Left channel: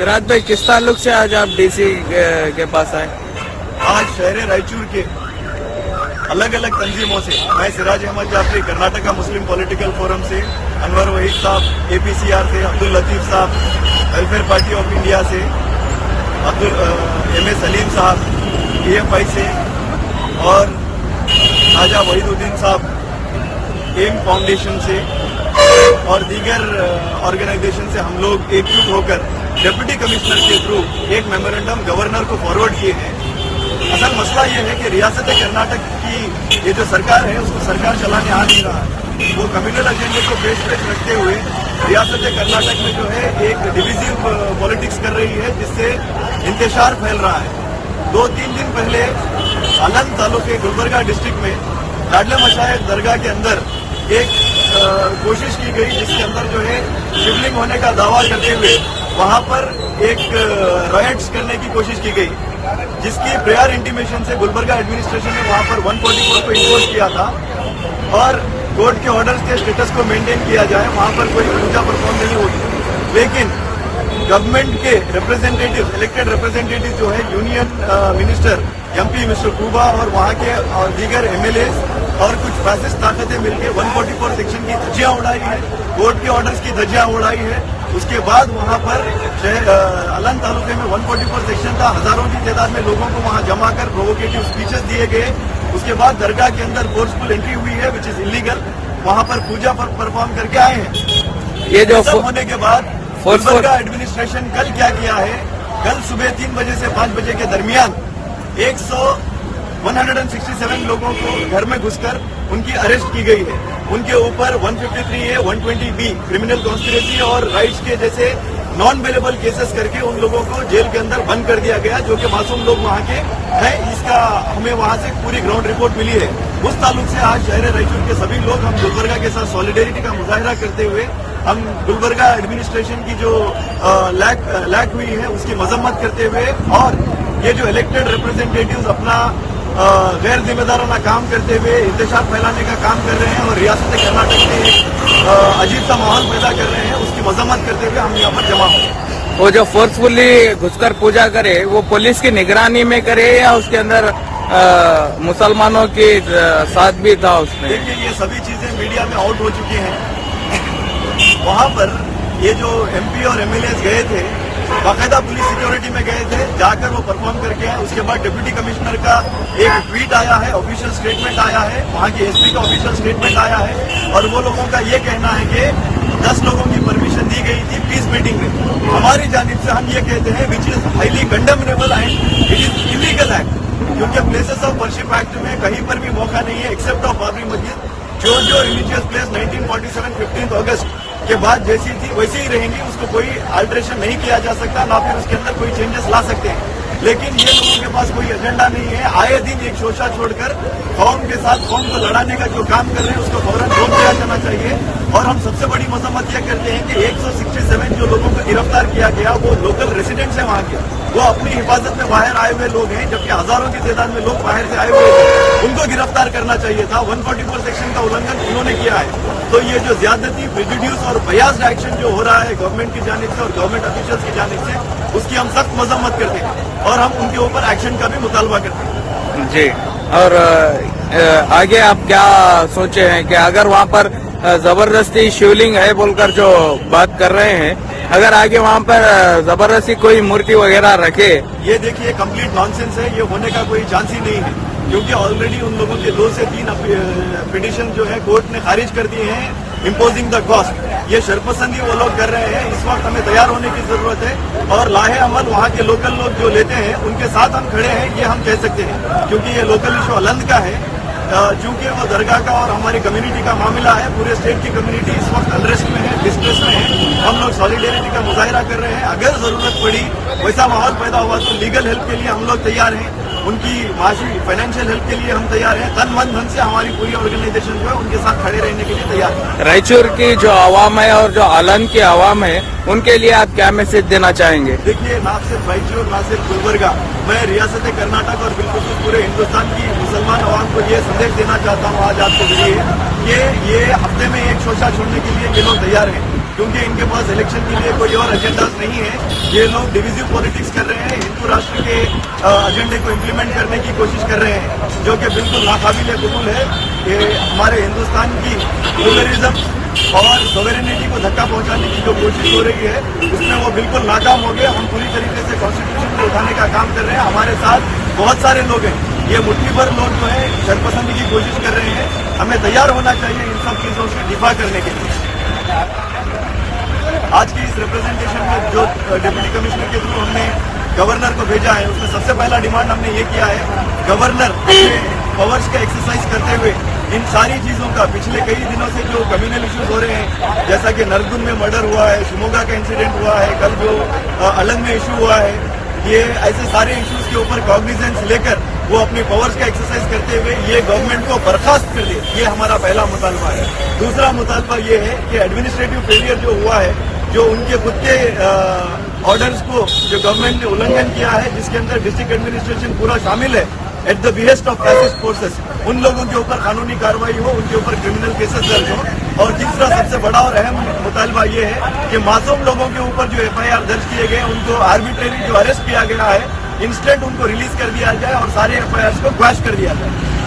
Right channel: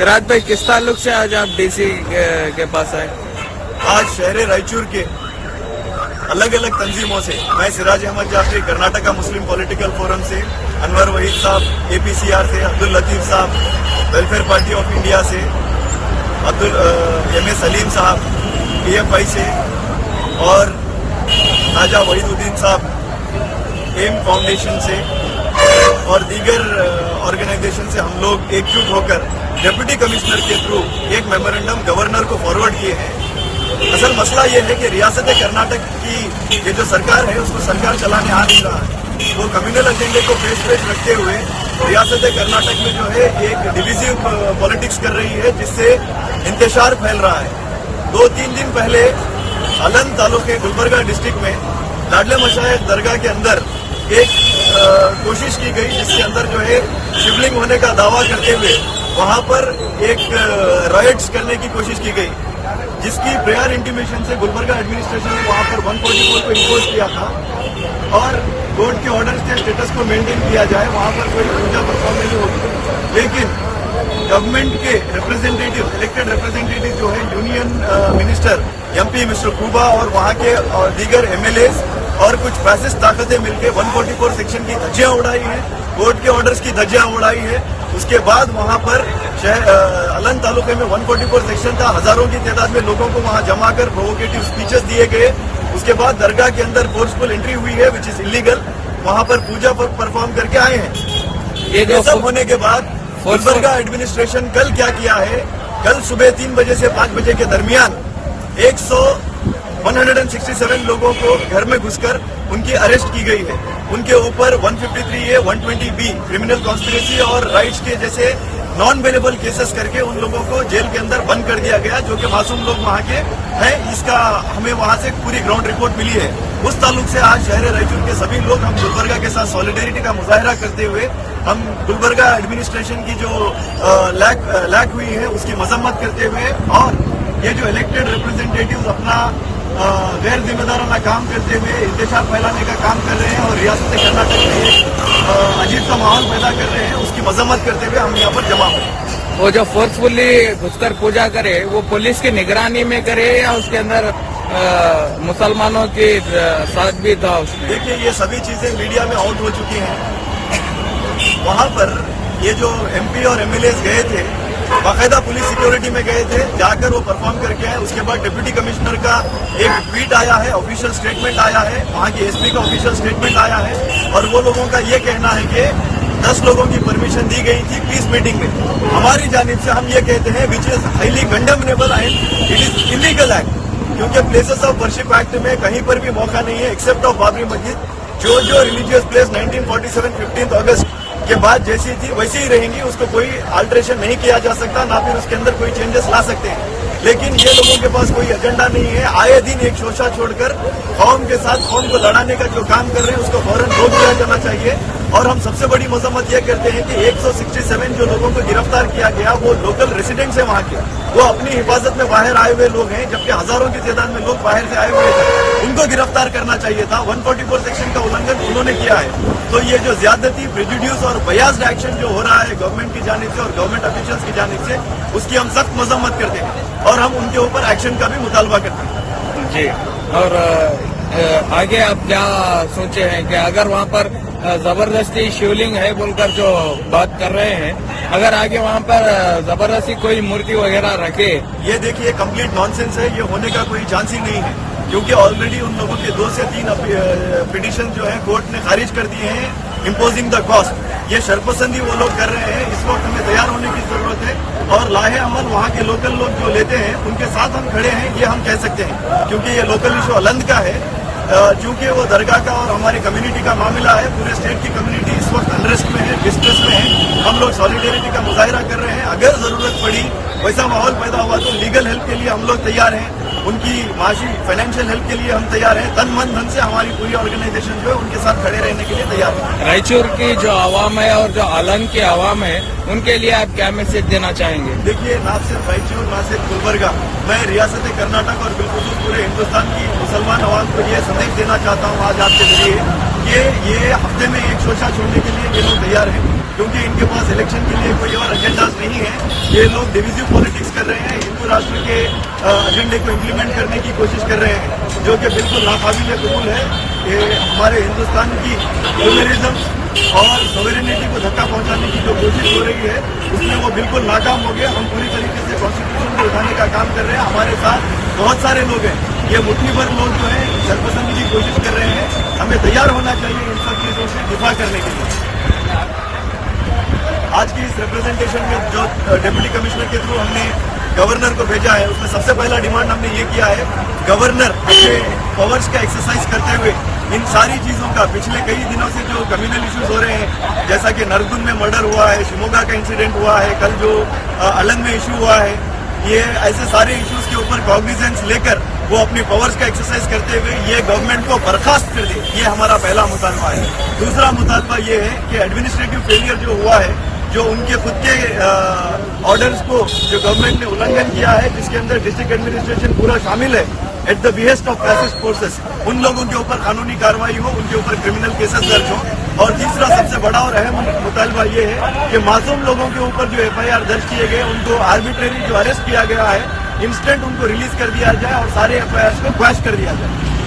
सिराज भाई, किस ताल्लुक से आज आप डीसी के पास आए? आज शहर रायचूर के अलग अलग तंजीमों से, मैं Siraj Ahmed Jafri Karnataka Muslim political forum से, अनवर वहीद साहब एपीसीआर से, Abdul Latif sahab welfare party of India से, एमए सलीम साहब पीएफआई से और ख्वाजा वहीदुद्दीन साहब एम फाउंडेशन से और दीगर ऑर्गेनाइजेशन से हम लोग एकजुट होकर डिप्टी कमिश्नर के थ्रू एक मेमोरेंडम गवर्नर को फॉरवर्ड किए हैं। असल मसला ये है कि रियासत कर्नाटक की ये जो सरकार है उसको सरकार चलाने आ नहीं रहा है। वो कम्युनल एजेंडे को पेश रखते हुए रियासत कर्नाटक में जो है एक डिविजिव पॉलिटिक्स कर रही है, जिससे इंतशार फैल रहा है। 2-3 दिन पहले अलंग तालुके गुलबर्गा डिस्ट्रिक्ट में लाडले मशाइख दरगाह के अंदर एक कोशिश की गई, जिसके अंदर जो है शिवलिंग होने का दावा करते हुए वहां पर एक राइट्स करने की कोशिश की गई, जिसकी प्रेयर इंटीमेशन से गुलबर्गा एडमिनिस्ट्रेशन ने वहां पर 144 को इम्पोज किया था और कोर्ट के ऑर्डर से स्टेटस को मेंटेन किया जाए, वहां पर कोई पूजा परफॉर्म नहीं होगी। लेकिन गवर्नमेंट के रिप्रेजेंटेटिव, इलेक्टेड रिप्रेजेंटेटिव जो है union minister MP mister Quba और वहां के और दीगर एमएलए और कुछ फैसिस्ट ताकतें मिलकर 144 सेक्शन की धज्जियां उड़ाई हैं, कोर्ट के ऑर्डर्स की धज्जियां उड़ाई है। उसके बाद वहां पर अलंग तालुके में 144 सेक्शन था, हजारों की तादाद में लोगों को वहां जमा कर प्रोवोकेटिव स्पीचेस दिए गए। उसके बाद दरगाह के अंदर फोर्सफुल एंट्री हुई है, विच इज इलीगल। वहां पर पूजा पर परफॉर्म करके आए हैं। ये जो सब होने के बाद गुलबर्गा एडमिनिस्ट्रेशन कल क्या किया है, कल सुबह 3 बजे से 5 बजे के दरमियान 167 लोगों को घर में घुसकर उनकी अरेस्ट की गई है। उनके ऊपर 153A 120B क्रिमिनल कॉन्स्पिरेसी और राइट्स के जैसे नॉन बेलेबल केसेस करके उन लोगों को जेल के अंदर बंद कर दिया गया, जो कि मासूम लोग वहां के हैं। इसका हमें वहां से पूरी ग्राउंड रिपोर्ट मिली है। उस ताल्लुक से आज शहर रायचूर के सभी लोग हम गुलबर्गा के साथ सॉलिडेरिटी का मुजाहरा करते हुए हम गुलबर्गा एडमिनिस्ट्रेशन की जो लैक हुई है उसकी मजम्मत करते हुए और ये जो इलेक्टेड रिप्रेजेंटेटिव्स अपना गैर जिम्मेदाराना काम करते हुए इंतशार फैलाने का काम कर रहे हैं और रियासत कर्नाटक में एक अजीब सा माहौल पैदा कर रहे हैं, उसकी मजम्मत करते हुए हम यहाँ पर जमा हुए। वो जो फोर्सफुली घुसकर पूजा करे वो पुलिस की निगरानी में करे या उसके अंदर मुसलमानों के साथ भी था उसमें? देखिए, ये सभी चीजें मीडिया में आउट हो चुकी हैं। वहां पर ये जो एमपी और एमएलए गए थे, बाकायदा पुलिस सिक्योरिटी में गए थे, जाकर वो परफॉर्म करके आए। उसके बाद डिप्टी कमिश्नर का एक ट्वीट आया है, ऑफिशियल स्टेटमेंट आया है, वहां की एसपी का ऑफिशियल स्टेटमेंट आया है और वो लोगों का ये कहना है कि 10 लोगों की परमिशन दी गई थी पीस मीटिंग में। हमारी जानिब से हम ये कहते हैं which is highly condemnable and it is illegal act, क्योंकि प्लेसेस ऑफ वर्शिप एक्ट में कहीं पर भी मौका नहीं है एक्सेप्ट ऑफ बाबरी मस्जिद। जो रिलीजियस प्लेस 1947 15 अगस्त के बाद जैसी थी वैसी ही रहेंगी, उसको कोई अल्टरेशन नहीं किया जा सकता, ना फिर उसके अंदर कोई चेंजेस ला सकते हैं। लेकिन ये लोगों के पास कोई एजेंडा नहीं है। आए दिन एक शोषा छोड़कर कौम के साथ कौम को लड़ाने का जो काम कर रहे हैं उसको फौरन रोक दिया जाना चाहिए। और हम सबसे बड़ी मजम्मत यह करते हैं कि 167 जो लोगों को गिरफ्तार किया गया वो लोकल रेसिडेंट्स हैं वहां के, वो अपनी हिफाजत में बाहर आए हुए लोग हैं, जबकि हजारों की तादाद में लोग बाहर से आए हुए थे। उनको गिरफ्तार करना चाहिए था। 144 सेक्शन का उल्लंघन उन्होंने किया है। तो ये जो ज्यादती, प्रेजुड्यूस और बयास्ड एक्शन जो हो रहा है गवर्नमेंट की जानिब से और गवर्नमेंट ऑफिशियल्स की जानिब से, उसकी हम सख्त मजम्मत करते हैं और हम उनके ऊपर एक्शन का भी मुतालबा करते हैं। जी, और आगे आप क्या सोचे हैं कि अगर वहाँ पर जबरदस्ती शिवलिंग है बोलकर जो बात कर रहे हैं, अगर आगे वहाँ पर जबरदस्ती कोई मूर्ति वगैरह रखे? ये देखिए, कंप्लीट नॉनसेंस है। ये होने का कोई चांस ही नहीं है, क्योंकि ऑलरेडी उन लोगों के 2 से 3 पिटीशन जो है कोर्ट ने खारिज कर दिए हैं इम्पोजिंग द कॉस्ट। ये शर्पसंदी वो लोग कर रहे हैं। इस वक्त हमें तैयार होने की जरूरत है और लाहे अमल वहाँ के लोकल लोग जो लेते हैं उनके साथ हम खड़े हैं, ये हम कह सकते हैं, क्योंकि ये लोकल इशू अलंद का है। चूंकि वो दरगाह का और हमारी कम्युनिटी का मामला है, पूरे स्टेट की कम्युनिटी इस वक्त अनरेस्ट में है, डिस्ट्रेस में है। हम लोग सॉलिडेरिटी का मुजाहरा कर रहे हैं। अगर जरूरत पड़ी, वैसा माहौल पैदा हुआ तो लीगल हेल्प के लिए हम लोग तैयार हैं, उनकी माशी फाइनेंशियल हेल्प के लिए हम तैयार हैं। तन मन धन से हमारी पूरी ऑर्गेनाइजेशन जो है उनके साथ खड़े रहने के लिए तैयार है। रायचूर की जो आवाम है और जो अलंग की आवाम है, उनके लिए आप क्या मैसेज देना चाहेंगे? देखिए, ना सिर्फ रायचूर, ना सिर्फ गुलबर्गा, मैं रियासत कर्नाटक और बिल्कुल पूरे हिंदुस्तान की मुसलमान आवाम को ये संदेश देना चाहता हूँ आज आपके जरिए कि ये हफ्ते में एक शोचा छोड़ने के लिए ये लोग तैयार हैं। क्योंकि इनके पास इलेक्शन के लिए कोई और एजेंडास नहीं है। ये लोग डिविजिव पॉलिटिक्स कर रहे हैं, हिंदू राष्ट्र के एजेंडे को इम्प्लीमेंट करने की कोशिश कर रहे हैं, जो कि बिल्कुल नाकाबिले कबूल है। ये हमारे हिंदुस्तान की ह्यूमनिज्म और सॉवरेनिटी को धक्का पहुंचाने की जो कोशिश हो रही है उसमें वो बिल्कुल नाकाम हो गए। हम पूरी तरीके से कॉन्स्टिट्यूशन को उठाने का काम कर रहे हैं। हमारे साथ बहुत सारे लोग हैं, ये मुट्ठी भर लोग जो है शरपसंदी की कोशिश कर रहे हैं। हमें तैयार होना चाहिए इन सब चीजों से दिफा करने के लिए। आज की इस रिप्रेजेंटेशन में जो डिप्टी कमिश्नर के थ्रू हमने गवर्नर को भेजा है, उसमें सबसे पहला डिमांड हमने ये किया है, गवर्नर अपने पावर्स का एक्सरसाइज करते हुए इन सारी चीजों का, पिछले कई दिनों से जो कम्युनल इश्यूज हो रहे हैं, जैसा कि नरगुन में मर्डर हुआ है, शिमोगा का इंसिडेंट हुआ है, कल जो अलंग में इशू हुआ है, ये ऐसे सारे इश्यूज के ऊपर कॉग्निजेंस लेकर वो अपनी पावर्स का एक्सरसाइज करते हुए ये गवर्नमेंट को बर्खास्त कर दे। ये हमारा पहला मुतालबा है। दूसरा मुतालबा ये है कि एडमिनिस्ट्रेटिव फेलियर जो हुआ है, जो उनके खुद के ऑर्डर्स को जो गवर्नमेंट ने उल्लंघन किया है, जिसके अंदर डिस्ट्रिक्ट एडमिनिस्ट्रेशन पूरा शामिल है, at the behest of fascist forces, उन लोगों के ऊपर कानूनी कार्रवाई हो, उनके ऊपर क्रिमिनल केसेस दर्ज हो। और तीसरा सबसे बड़ा और अहम मुतालबा ये है कि मासूम लोगों के ऊपर जो FIR दर्ज किए गए, उनको आर्बिट्रेरी जो अरेस्ट किया गया है, इंस्टेंट उनको रिलीज कर दिया जाए और सारे FIRs को क्वैश कर दिया जाए।